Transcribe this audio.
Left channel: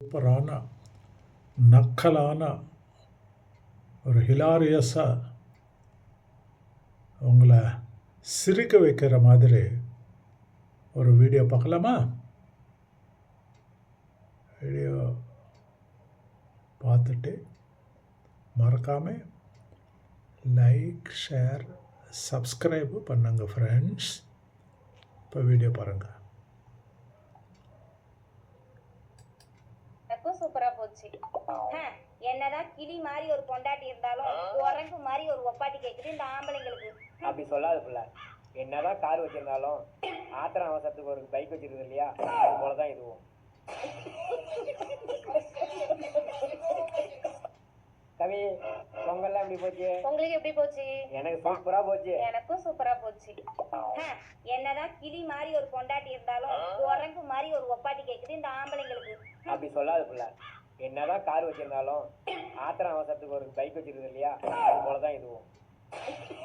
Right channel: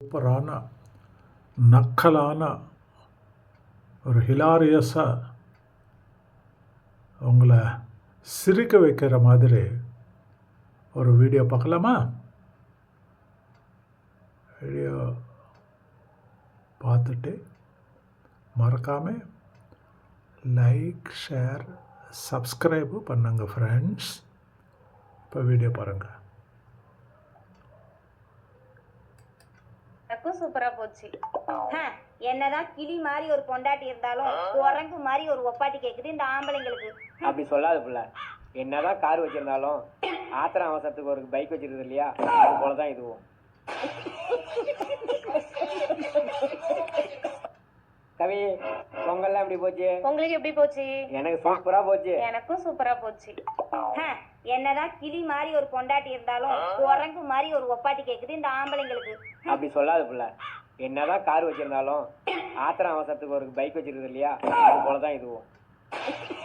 சூப்பரான நக்கலான ஒரு ஹிலாரியஸாக உங்களை சிரிக்க வைக்கிற மாதிரி ஒரு வீடியோ பார்க்கலாமா? வீடியோ பார்த்துட்டு மறக்காமல் லைக், ஷேர், சப்ஸ்கிரைபு பண்ணுங்க ஃப்ரெண்ட்ஸ். இப்போ வீடியோ பாருங்கள். எனக்கும் சூப்பரா போச்சு. என்னதான் கிளி மாதிரி ஒரு பொண்டாட்டி இருந்தாலும் குரங்கு மாதிரி ஒரு ஒப்பாட்டி கேக்குது இந்த ஆம்பளைங்களுக்கு. அப்படி சொல்லாத புள்ள. என்னதான் கார் வச்சிருந்தாலும் ஆத்திரம் அவசரத்துக்கு ஒரு பைக் வச்சிருக்குது இல்லையா, அது போலதான் இதுவும். கவி, பொங்கல்லாம் எப்படி போச்சு? உங்களுக்கு எப்படி போச்சு? எனக்கு சூப்பரா போச்சு. எனக்கும் சூப்பரா போச்சு. என்னதான் கிளி மாதிரி ஒரு பொண்டாட்டி இருந்தாலும் குரங்கு மாதிரி ஒரு ஒப்பாட்டி கேக்குது இந்த ஆம்பளைங்களுக்கு. அப்படி சொல்லாத புள்ள. என்னதான் கார் வச்சிருந்தாலும் ஆத்திரம் அவசரத்துக்கு ஒரு பைக் வச்சிருக்குது இல்லையா, அது போலதான் இதுவும்.